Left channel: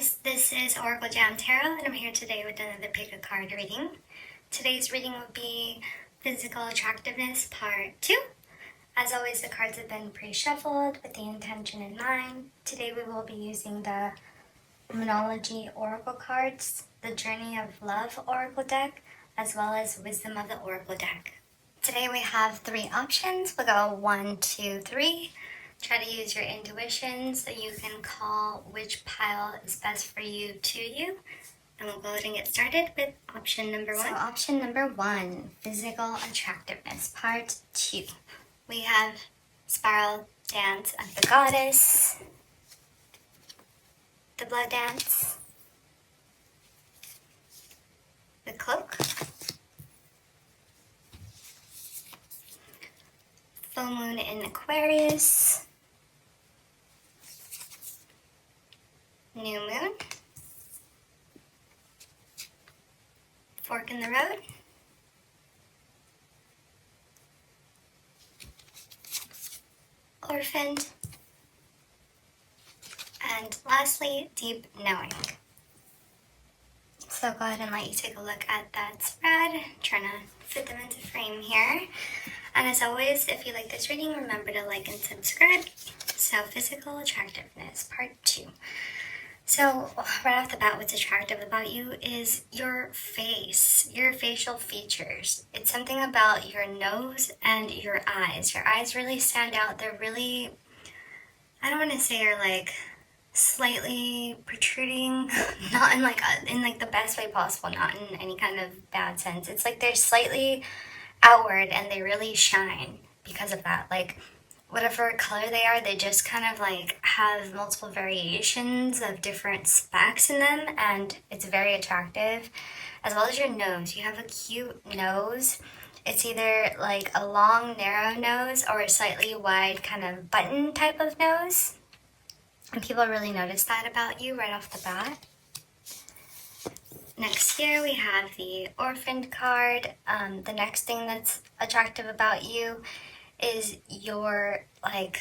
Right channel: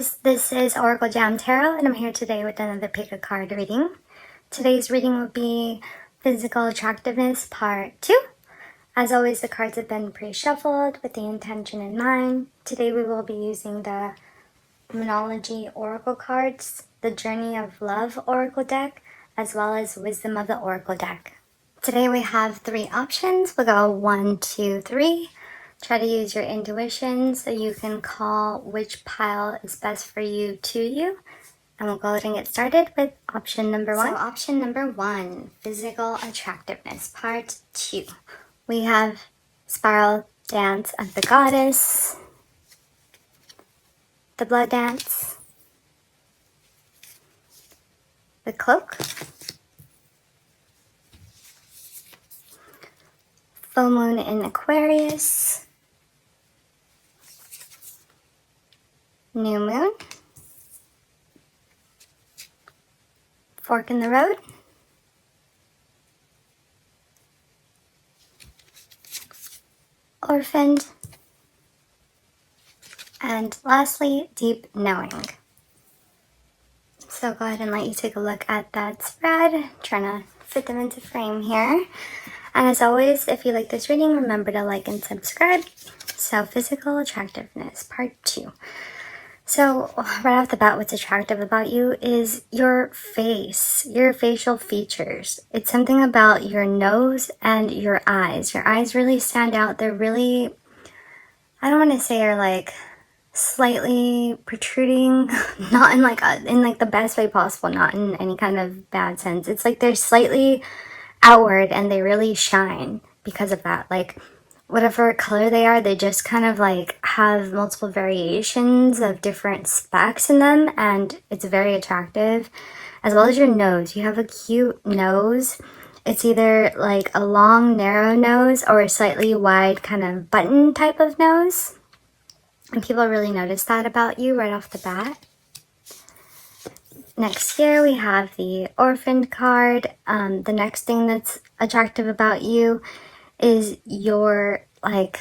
guys, this is Oracle Jam Tarot, and I'm here today with another pick a card reading. Today's reading will be Physical Attractiveness Part 2. As always, the cards have been pre-shuffled with the intention in mind. Today we will be using the Monology Oracle cards, the Journey of Love Oracle deck, as well as Wisdom of the Oracle deck. Today we have 3 options. We'll go 1, 2, 3. Try to use your intuition so you can call which pile is best for you to you. And we'll go ahead and get started with option number 1. So option number 1, Physical Attractiveness, Part 2. We have Spiral Dance of the Goddess, the Blood Dance, the Cloak, Full Moon in Aquarius, New Moon, Fork in the Road, Orphaned, and lastly, Deep Knowing. So go ahead and let you take a look at that spread, trying to fit them into frame here. And as always, if you like this reading, remember to like and subscribe. So Physical Attractiveness, Part 2. So right off the bat, what's attractive about you is your face, your facial features. It's something about your nose and your eyes. Your eyes really stand out. They're really, I don't want to say are like slightly protruding, not in like the best way possible, not in any kind of bad sense. It's like they're slightly outward and they really shine because of that. Like whatever color they are, they just kind of like have multiple variations of different specks in them, and it's very attractive. As well as your nose, you have a cute nose. It's either like a long narrow nose or a slightly wide kind of button type of nose, and people really notice that about you right off the bat. Next here we have the Orphaned card. The next thing that's attractive about you is your, like,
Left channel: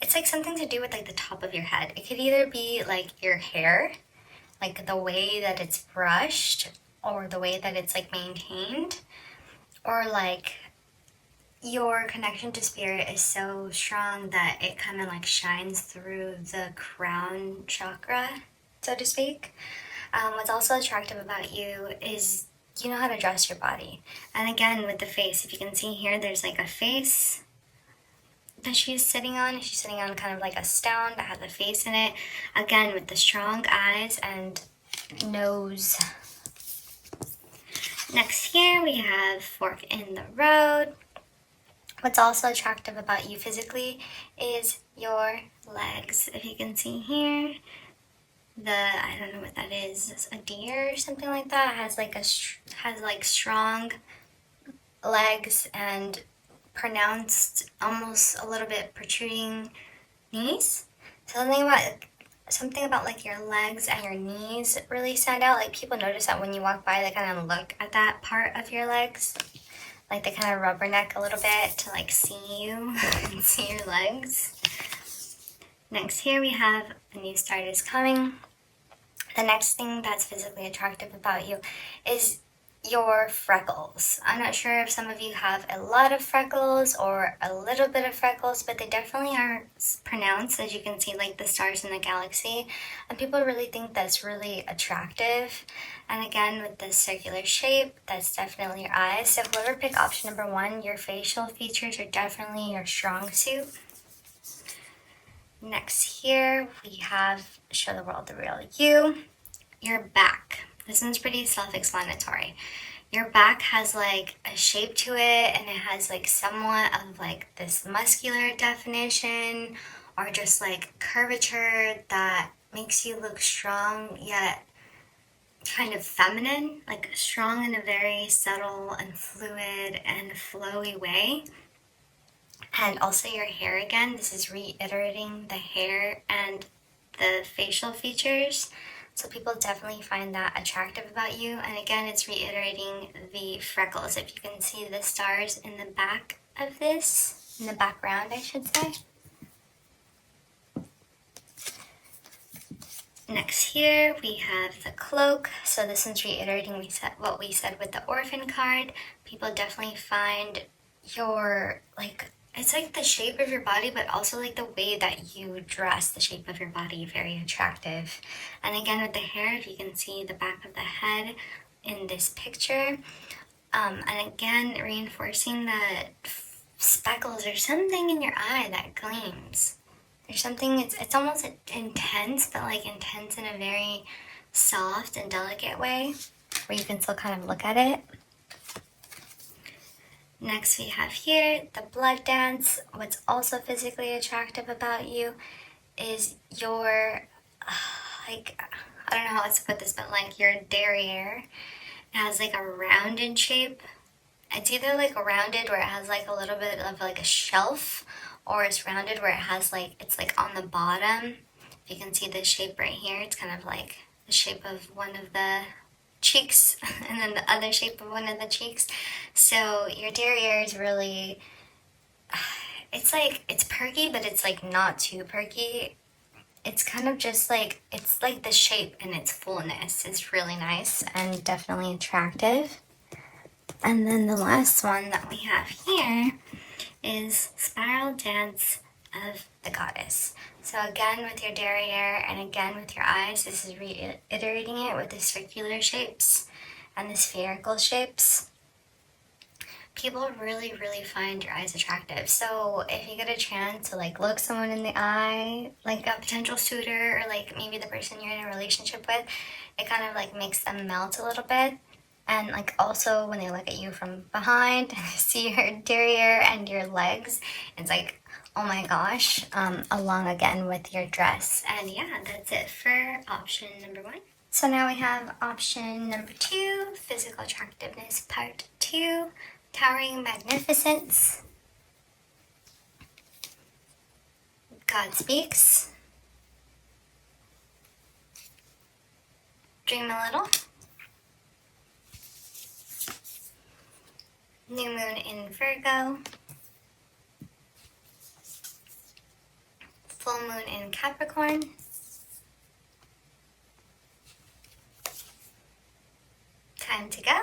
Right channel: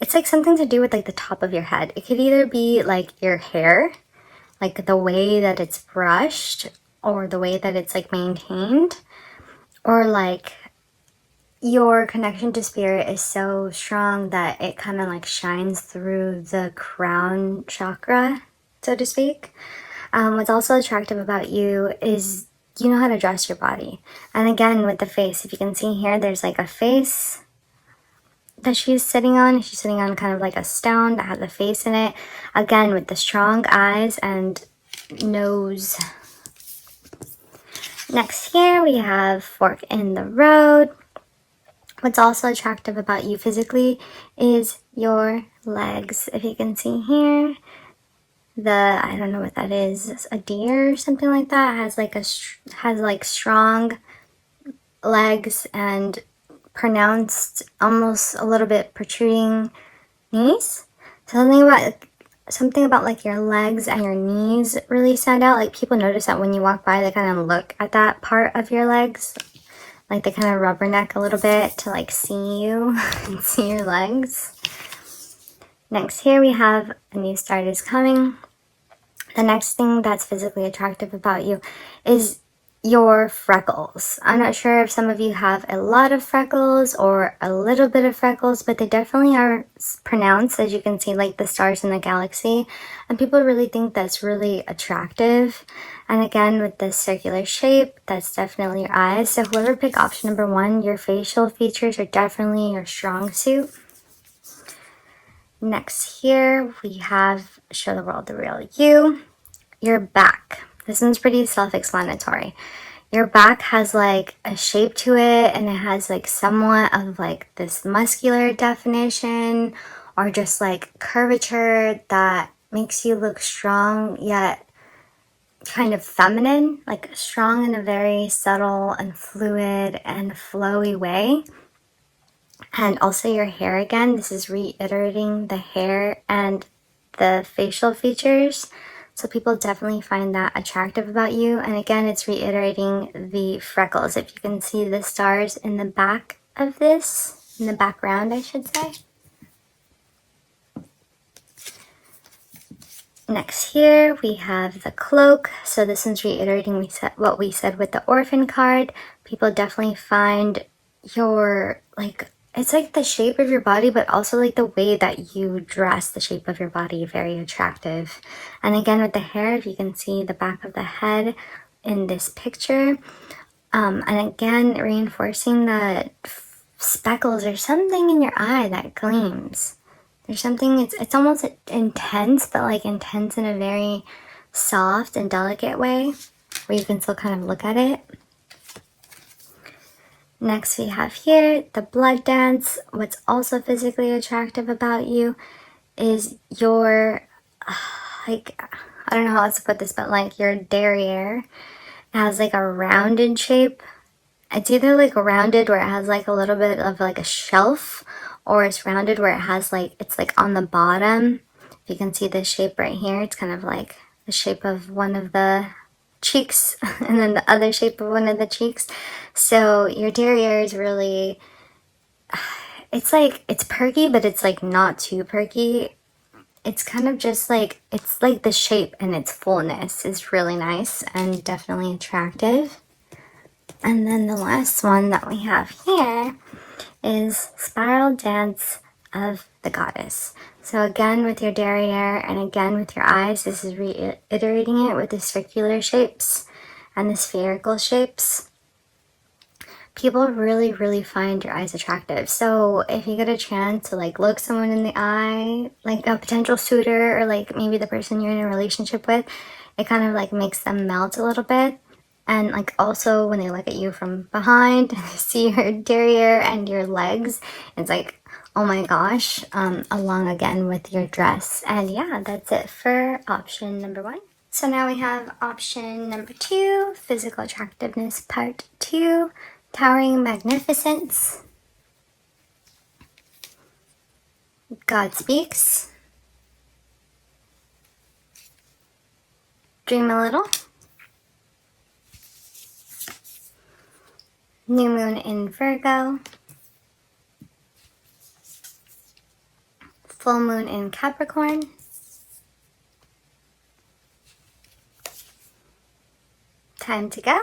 it's like something to do with like the top of your head. It could either be like your hair, like the way that it's brushed or the way that it's like maintained, or like your connection to spirit is so strong that it kind of like shines through the crown chakra, so to speak. What's also attractive about you is you know how to dress your body. And again, with the face, if you can see here, there's like a face that she's sitting on. She's sitting on kind of like a stone that has a face in it. Again, with the strong eyes and nose. Next here, we have Fork in the Road. What's also attractive about you physically is your legs. If you can see here, I don't know what that is. It's a deer or something like that. It has like strong legs and pronounced, almost a little bit protruding knees. Something about like your legs and your knees really stand out. Like people notice that when you walk by, they kind of look at that part of your legs. Like they kind of rubberneck a little bit to like see you and see your legs. Next here we have A New Start is Coming. The next thing that's physically attractive about you is your freckles. I'm not sure if some of you have a lot of freckles or a little bit of freckles, but they definitely are pronounced, as you can see, like the stars in the galaxy. And people really think that's really attractive. And again, with this circular shape, that's definitely your eyes. So whoever picked option number 1, your facial features are definitely your strong suit. Next here, we have Show the World the Real You. Your back. This one's pretty self-explanatory. Your back has like a shape to it, and it has like somewhat of like this muscular definition or just like curvature that makes you look strong yet kind of feminine, like strong in a very subtle and fluid and flowy way. And also your hair, again, this is reiterating the hair and the facial features. So people definitely find that attractive about you. And again, it's reiterating the freckles. If you can see the stars in the back of this, in the background, I should say. Next here we have the cloak. So this one's reiterating what we said with the orphan card. People definitely find your, like, it's like the shape of your body, but also like the way that you dress, the shape of your body, very attractive. And again with the hair, if you can see the back of the head in this picture. And again, reinforcing the speckles or something in your eye that gleams. There's something, it's almost intense, but like intense in a very soft and delicate way, where you can still kind of look at it. Next we have here the blood dance. What's also physically attractive about you is your, like, I don't know how else to put this, but like your derriere. It has like a rounded shape. It's either like rounded where it has like a little bit of like a shelf, or it's rounded where it has like, it's like on the bottom. If you can see the shape right here, it's kind of like the shape of one of the cheeks and then the other shape of one of the cheeks. So your derriere is really, it's like, it's perky, but it's like not too perky. It's kind of just like, it's like the shape and its fullness is really nice and definitely attractive. And then the last one that we have here is Spiral Dance of the Goddess. So again with your derriere and again with your eyes, this is reiterating it with the circular shapes and the spherical shapes. People really find your eyes attractive. So if you get a chance to like look someone in the eye, like a potential suitor or like maybe the person you're in a relationship with, it kind of like makes them melt a little bit. And like also when they look at you from behind, see your derriere and your legs, it's like, oh my gosh, along again with your dress. And yeah, that's it for option number 1. So now we have option number 2, physical attractiveness part 2, towering magnificence. God speaks. Dream a little. New moon in Virgo. Full moon in Capricorn. Time to go.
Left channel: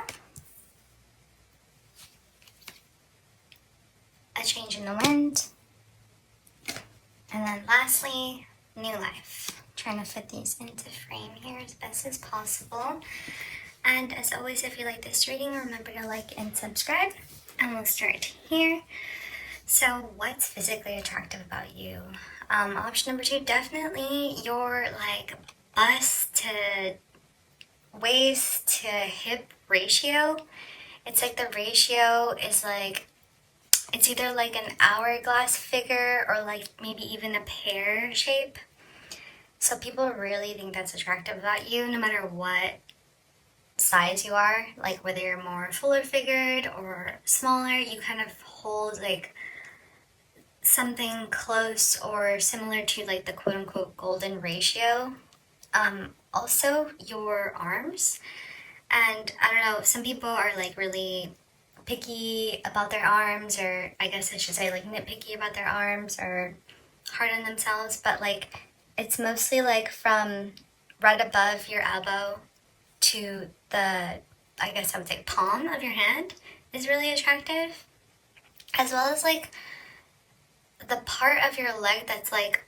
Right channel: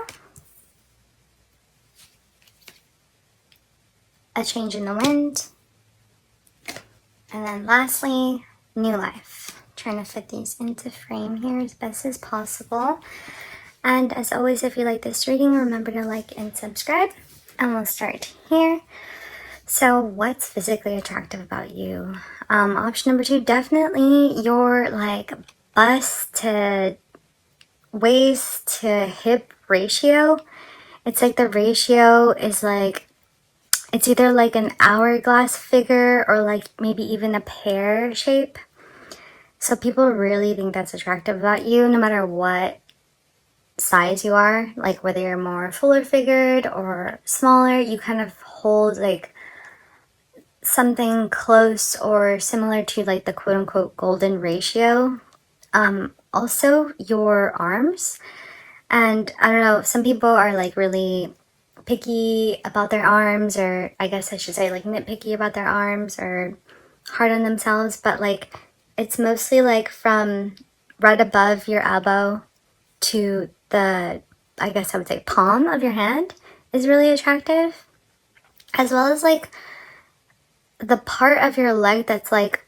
A change in the wind. And then lastly, new life. Trying to fit these into frame here as best as possible. And as always, if you like this reading, remember to like and subscribe. And we'll start here. So what's physically attractive about you? Option number 2, definitely your like bust to waist to hip ratio. It's like the ratio is like, it's either like an hourglass figure or like maybe even a pear shape. So people really think that's attractive about you, no matter what size you are, like whether you're more fuller figured or smaller, you kind of hold like something close or similar to like the quote-unquote golden ratio. Also your arms, and I don't know, some people are like really picky about their arms, or I guess I should say like nitpicky about their arms or hard on themselves, but like it's mostly like from right above your elbow to the, I guess I would say, palm of your hand is really attractive, as well as like the part of your leg that's like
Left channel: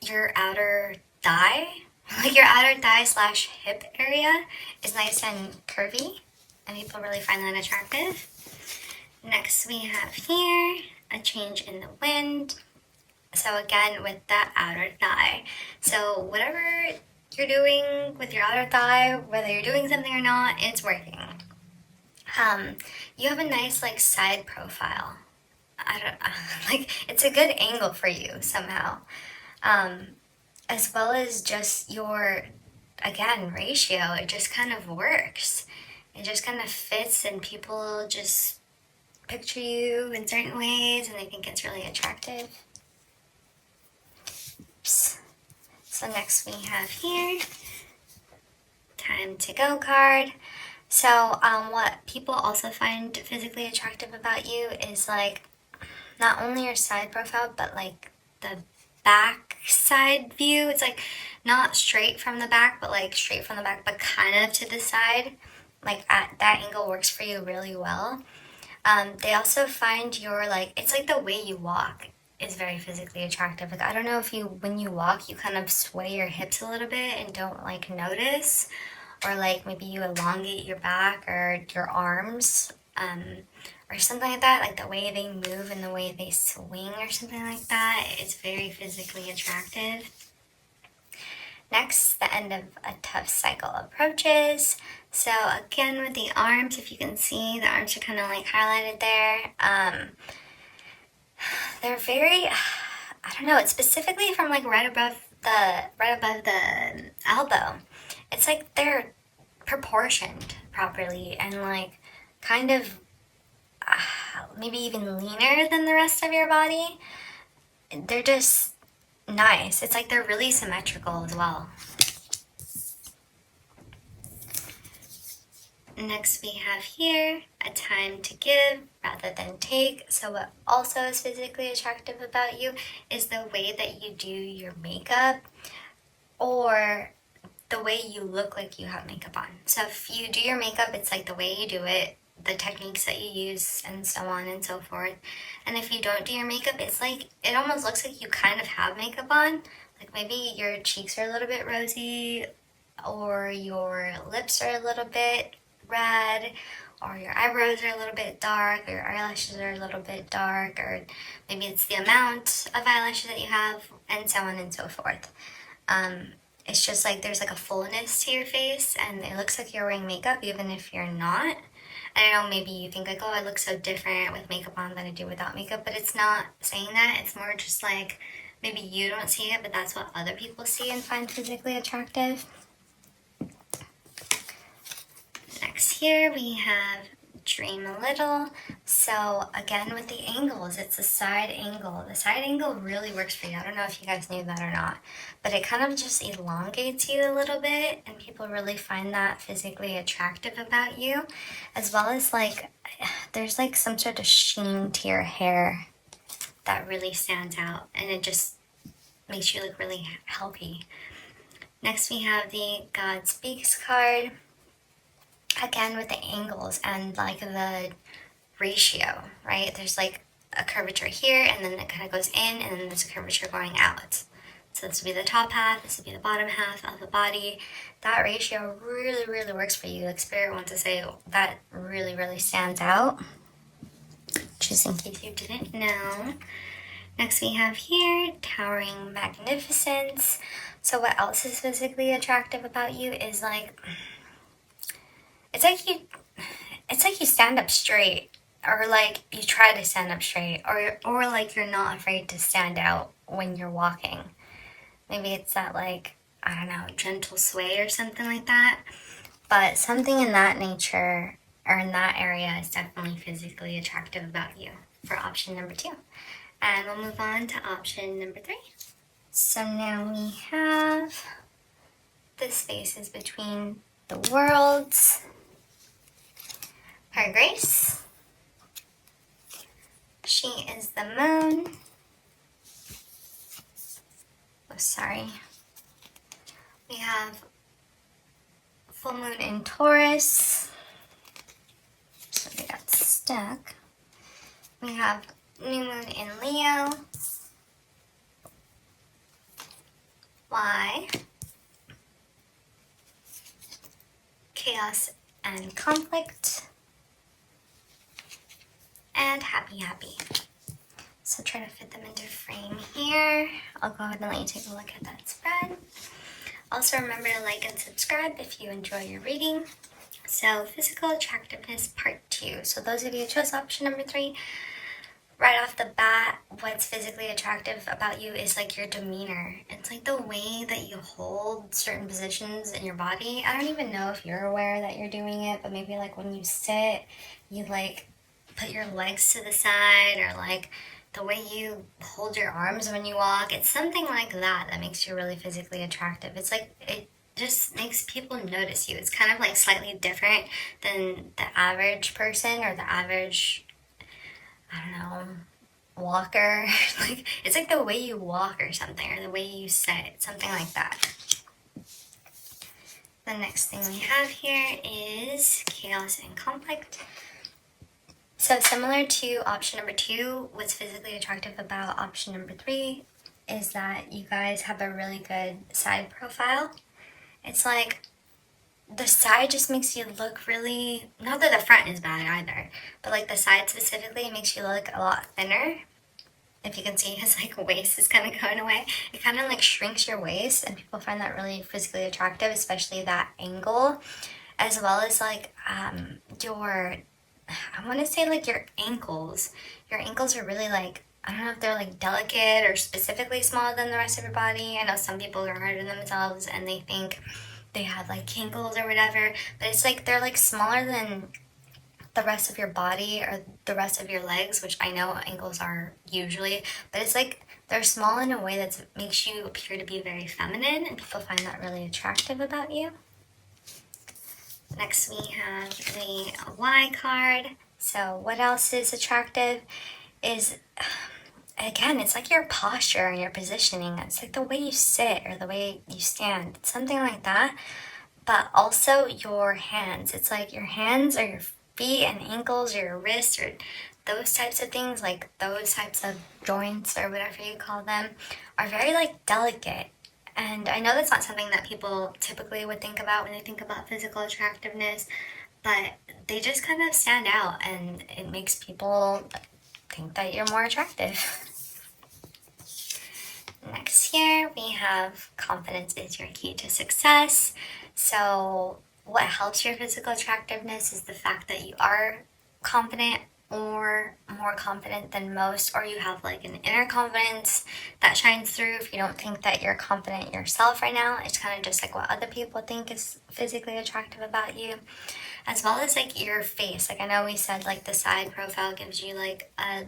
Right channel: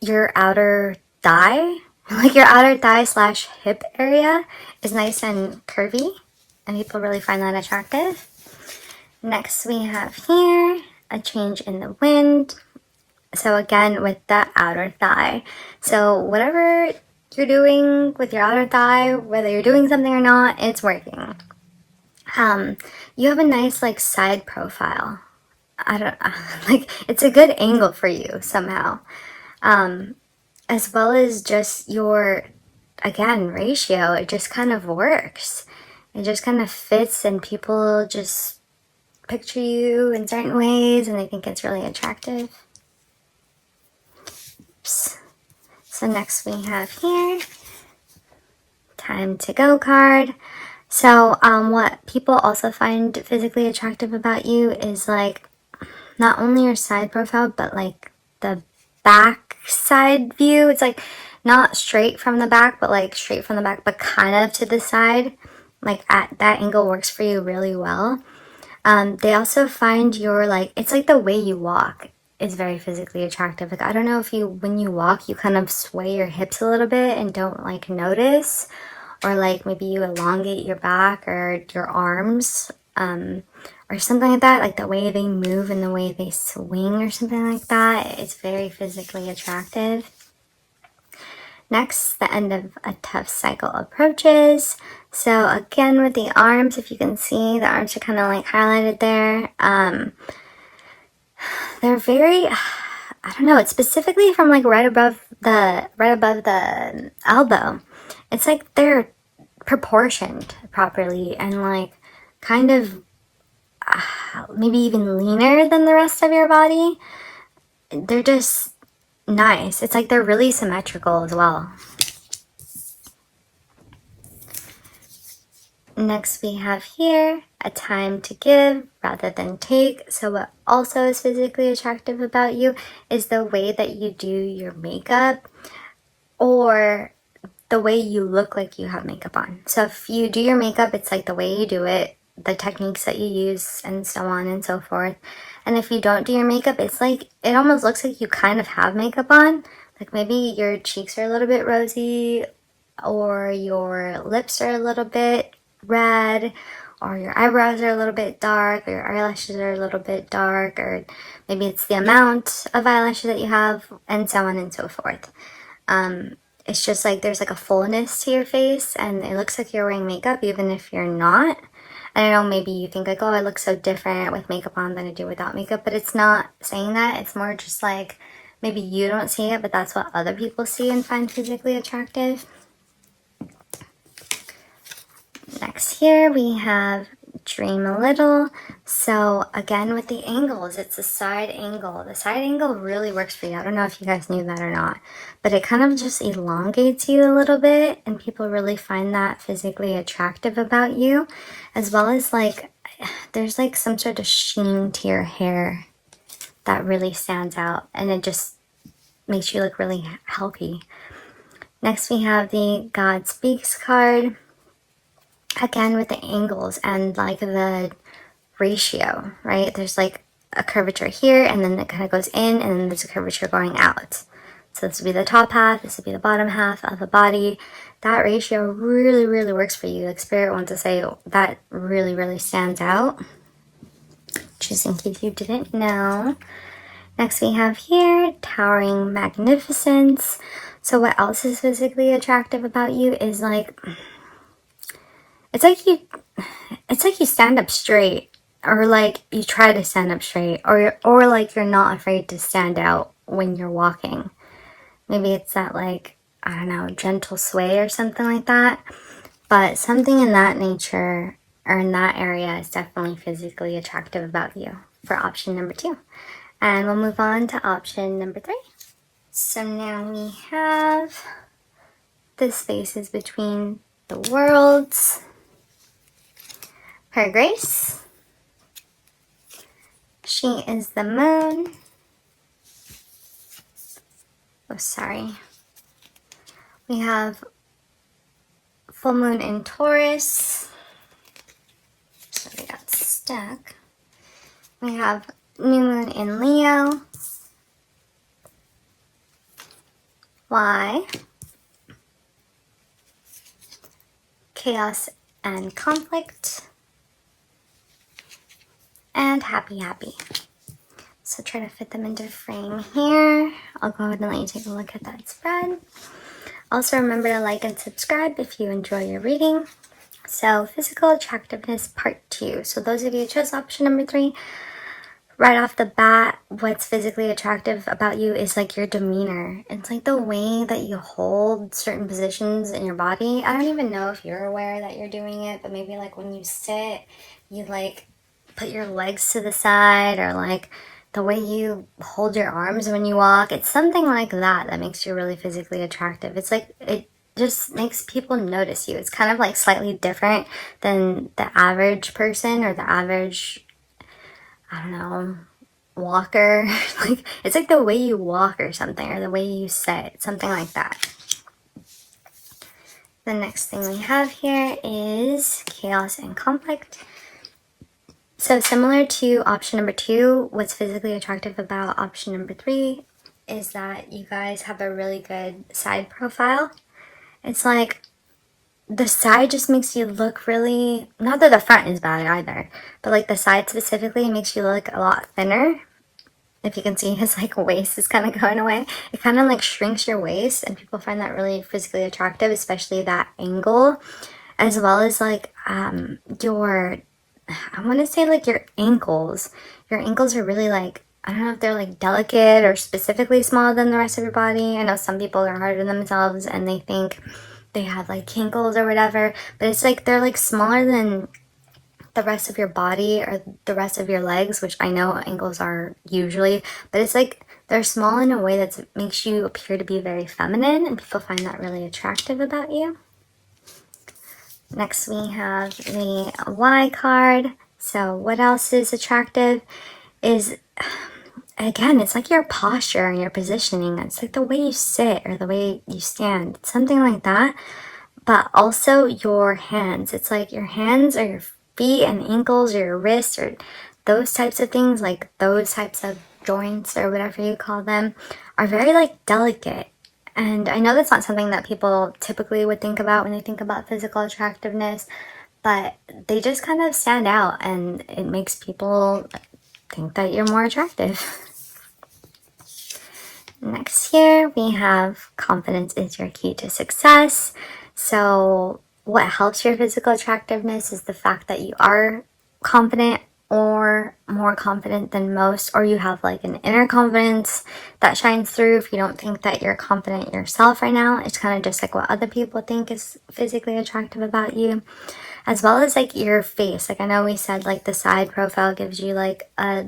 your outer thigh, like your outer thigh slash hip area is nice and curvy, and people really find that attractive. Next we have here a change in the wind. So again with the outer thigh, so whatever you're doing with your outer thigh, whether you're doing something or not, it's working. You have a nice like side profile. I don't like, it's a good angle for you somehow. As well as just your, again, ratio, it just kind of works. It just kind of fits, and people just picture you in certain ways and they think it's really attractive. Oops. So next we have here, time to go card. So what people also find physically attractive about you is like not only your side profile, but like the back side view. It's like not straight from the back, but like straight from the back, but kind of to the side. Like at that angle works for you really well. They also find your like, it's like the way you walk is very physically attractive. Like I don't know if you, when you walk, you kind of sway your hips a little bit and don't like notice, or like maybe you elongate your back or your arms, or something like that, like the way they move and the way they swing or something like that. It's very physically attractive. Next, the end of a tough cycle approaches. So again, with the arms, if you can see, the arms are kind of like highlighted there. They're very, I don't know, it's specifically from like right above the elbow. It's like they're proportioned properly and like kind of maybe even leaner than the rest of your body. They're just nice. It's like they're really symmetrical as well. Next we have here a time to give rather than take. So what also is physically attractive about you is the way that you do your makeup, or the way you look like you have makeup on. So if you do your makeup, it's like the way you do it, the techniques that you use, and so on and so forth. And if you don't do your makeup, it's like, it almost looks like you kind of have makeup on. Like maybe your cheeks are a little bit rosy, or your lips are a little bit red, or your eyebrows are a little bit dark, or your eyelashes are a little bit dark, or maybe it's the amount of eyelashes that you have, and so on and so forth. It's just like there's like a fullness to your face, and it looks like you're wearing makeup even if you're not. And I know maybe you think like, oh, I look so different with makeup on than I do without makeup, but it's not saying that. It's more just like maybe you don't see it, but that's what other people see and find physically attractive. Next here we have dream a little. So again, with the angles, it's a side angle. The side angle really works for you. I don't know if you guys knew that or not, but it kind of just elongates you a little bit, and people really find that physically attractive about you, as well as like there's like some sort of sheen to your hair that really stands out, and it just makes you look really healthy. Next we have the God Speaks card. Again, with the angles and like the ratio, right? There's like a curvature here, and then it kind of goes in, and then there's a curvature going out. So this would be the top half, this would be the bottom half of the body. That ratio really, really works for you. Like Spirit wants to say that really, really stands out. Just in case you didn't know. Next we have here, towering magnificence. So what else is physically attractive about you is like, it's like you stand up straight, or like you try to stand up straight, or like you're not afraid to stand out when you're walking. Maybe it's that like, I don't know, gentle sway or something like that. But something in that nature or in that area is definitely physically attractive about you for option number 2. And we'll move on to option number 3. So now we have the spaces between the worlds. Her Grace. She is the moon. Oh, sorry. We have full moon in Taurus. So we got stuck. We have new moon in Leo. Why? Chaos and conflict. And happy, happy. So try to fit them into frame here. I'll go ahead and let you take a look at that spread. Also remember to like and subscribe if you enjoy your reading. So physical attractiveness part 2. So those of you who chose option number 3, right off the bat, what's physically attractive about you is like your demeanor. It's like the way that you hold certain positions in your body. I don't even know if you're aware that you're doing it, but maybe like when you sit, you like put your legs to the side, or like the way you hold your arms when you walk. It's something like that that makes you really physically attractive. It's like, it just makes people notice you. It's kind of like slightly different than the average person, or the average, I don't know, walker. Like, it's like the way you walk or something, or the way you sit, something like that. The next thing we have here is chaos and conflict. So similar to option number 2, what's physically attractive about option number 3 is that you guys have a really good side profile. It's like the side just makes you look really, not that the front is bad either, but like the side specifically makes you look a lot thinner. If you can see, his like waist is kind of going away. It kind of like shrinks your waist, and people find that really physically attractive, especially that angle, as well as like your, I want to say like your ankles. Your ankles are really like, I don't know if they're like delicate or specifically smaller than the rest of your body. I know some people are hard on themselves and they think they have like kinkles or whatever, but it's like they're like smaller than the rest of your body or the rest of your legs, which I know ankles are usually, but it's like they're small in a way that makes you appear to be very feminine, and people find that really attractive about you. Next we have the Y card. So what else is attractive is, again, it's like your posture and your positioning. It's like the way you sit or the way you stand, something like that. But also your hands. It's like your hands or your feet and ankles or your wrists or those types of things, like those types of joints or whatever you call them, are very like delicate. And I know that's not something that people typically would think about when they think about physical attractiveness, but they just kind of stand out and it makes people think that you're more attractive. Next here we have confidence is your key to success. So what helps your physical attractiveness is the fact that you are confident or more confident than most, or you have like an inner confidence that shines through. If you don't think that you're confident yourself right now, it's kind of just like what other people think is physically attractive about you, as well as like your face. Like I know we said like the side profile gives you like a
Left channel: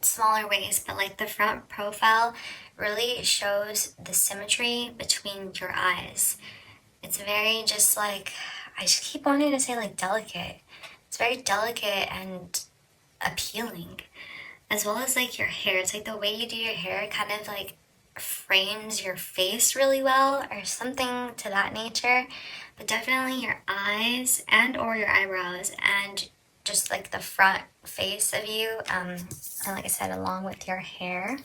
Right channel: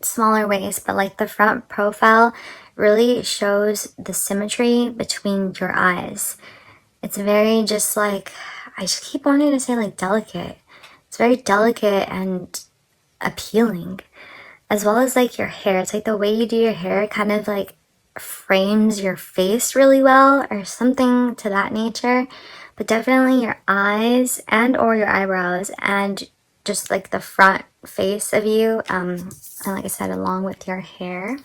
smaller waist, but like the front profile really shows the symmetry between your eyes. It's very just like, I just keep wanting to say like delicate. It's very delicate and appealing, as well as like your hair. It's like the way you do your hair kind of like frames your face really well or something to that nature. But definitely your eyes and or your eyebrows and just like the front face of you, and like I said, along with your hair.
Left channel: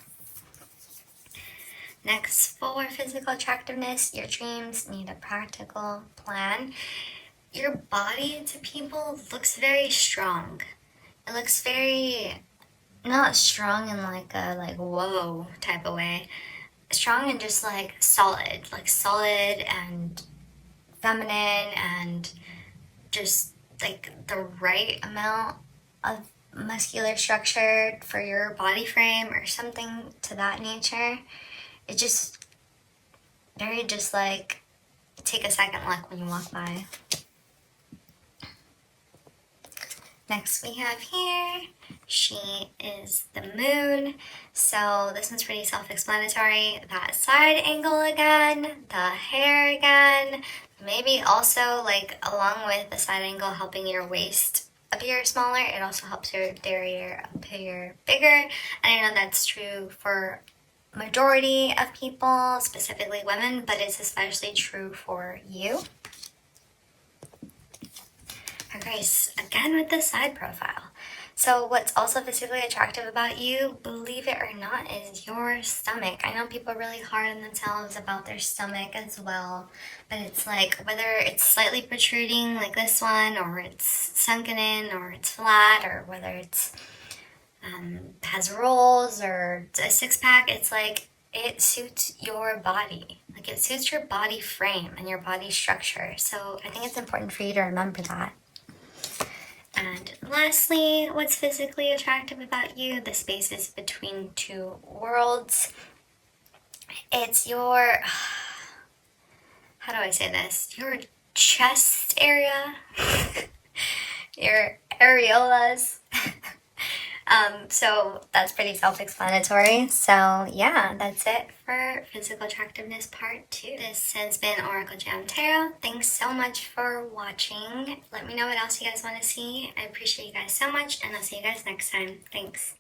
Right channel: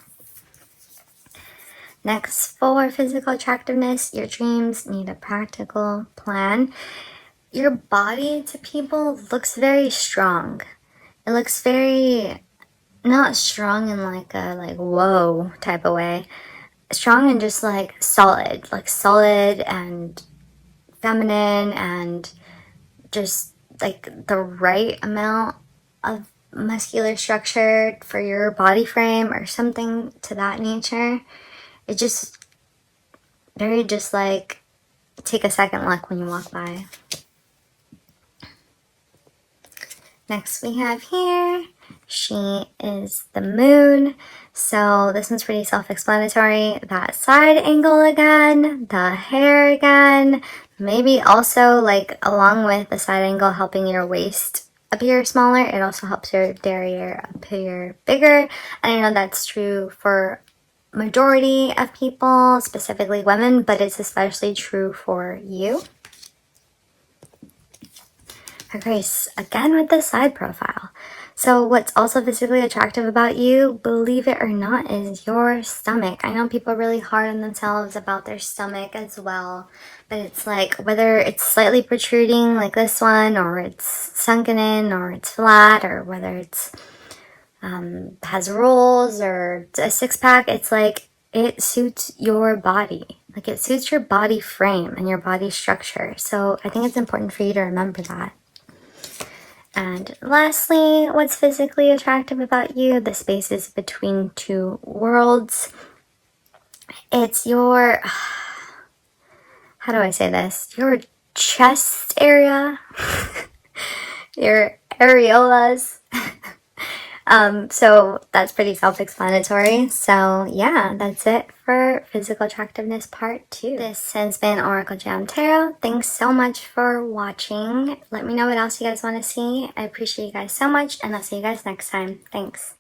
Next, for physical attractiveness, your dreams need a practical plan. Your body to people looks very strong. It looks very, not strong in like a like whoa type of way. Strong and just like solid and feminine and just like the right amount of muscular structure for your body frame or something to that nature. It just very just like take a second look when you walk by. Next we have here, she is the moon. So this one's pretty self-explanatory. That side angle again, the hair again, maybe also like along with the side angle helping your waist appear smaller, it also helps your derriere appear bigger. And I know that's true for majority of people, specifically women, but it's especially true for you. Grace, again with the side profile. So what's also physically attractive about you, believe it or not, is your stomach. I know people are really hard on themselves about their stomach as well, but it's like whether it's slightly protruding like this one, or it's sunken in, or it's flat, or whether it's has rolls or a six-pack, it's like it suits your body. Like it suits your body frame and your body structure. So I think it's important for you to remember that. And lastly, what's physically attractive about you? The spaces between two worlds. It's your, how do I say this? Your chest area, your areolas. So that's pretty self-explanatory. So yeah, that's it for physical attractiveness part 2. This has been Oracle Jam Tarot. Thanks so much for watching. Let me know what else you guys want to see. I appreciate you guys so much, and I'll see you guys next time. Thanks.